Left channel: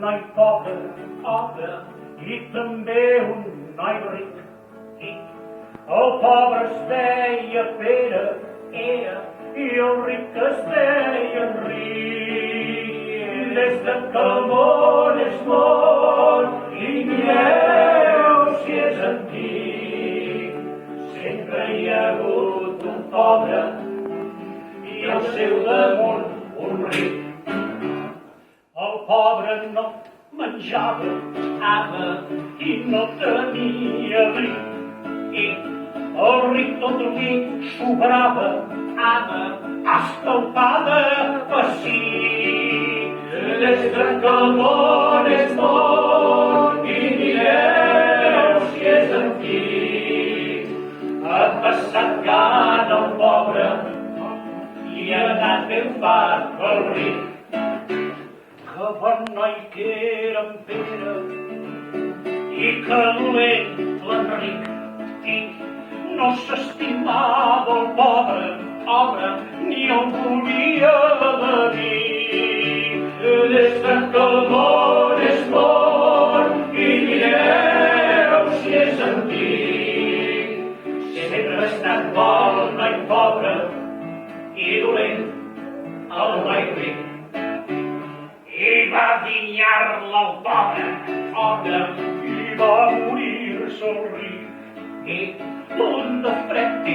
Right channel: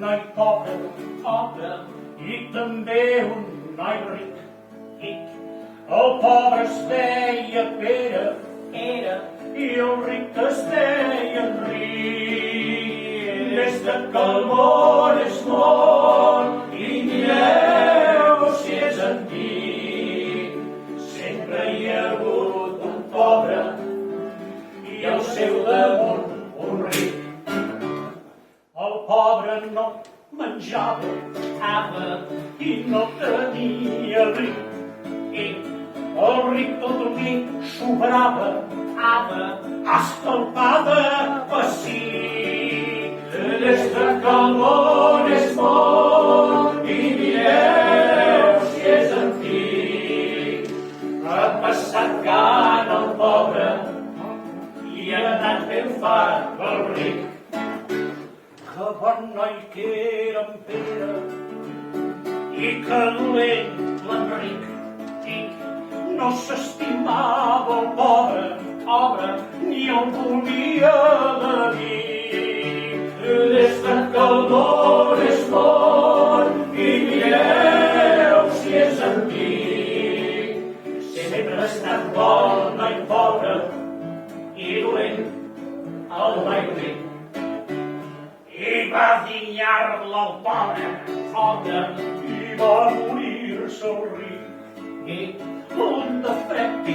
noi pobre, i també un noi ric. El pobre es deia Pere, i el ric es deia Enric. Des que el món és món, i mireu si és antic, sempre hi ha hagut un pobre i al seu damunt un ric. El pobre no menjava i no tenia abric. El ric tot el vi sobrava, escalpada pessic. Des que el món és món, i mireu si és antic, ha passat gana el pobre i ha anat ben fart el ric. Que bon noi que era en Pere i que dolent l'Enric. No s'estimava el pobre, ni el volia d'amic. Des que el món és món, i mireu si és antic, sempre ha estat bo el noi pobre i dolent el noi ric. I va dinyar-la el pobre, i va morir-se el ric. Un de fred i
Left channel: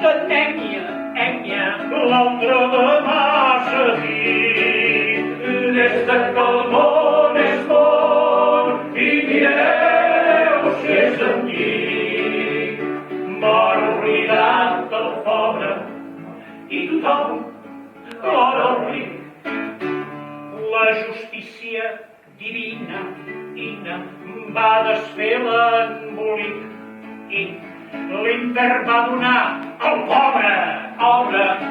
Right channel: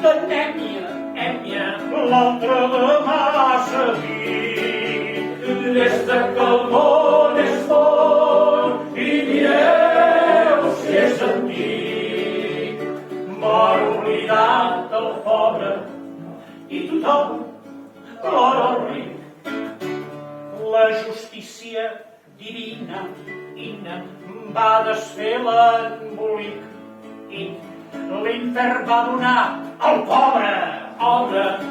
d'anèmia, l'altre de massa dit. Des que el món és món, i mireu si és antic, mor oblidat el pobre i tothom plora el ric. La justícia divina va desfer l'embolic i l'infern va donar al pobre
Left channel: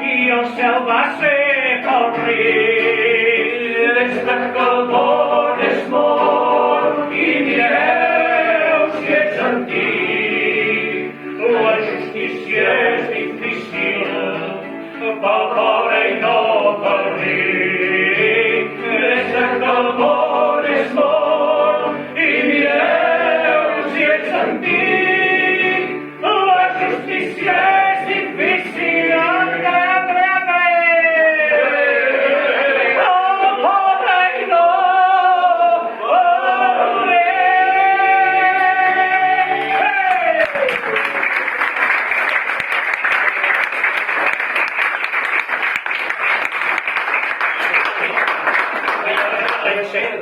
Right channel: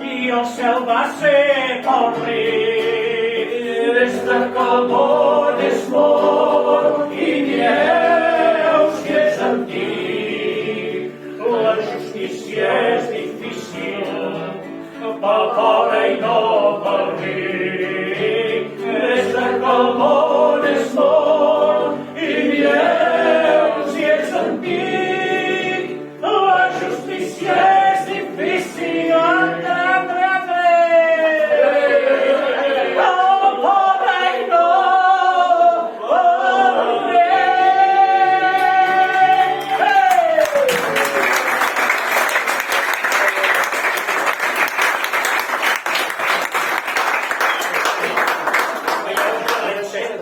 i el cel va ser pel ric. Des que el món és món, i mireu si és antic, la justícia és difícil pel pobre i no pel ric. Des que el món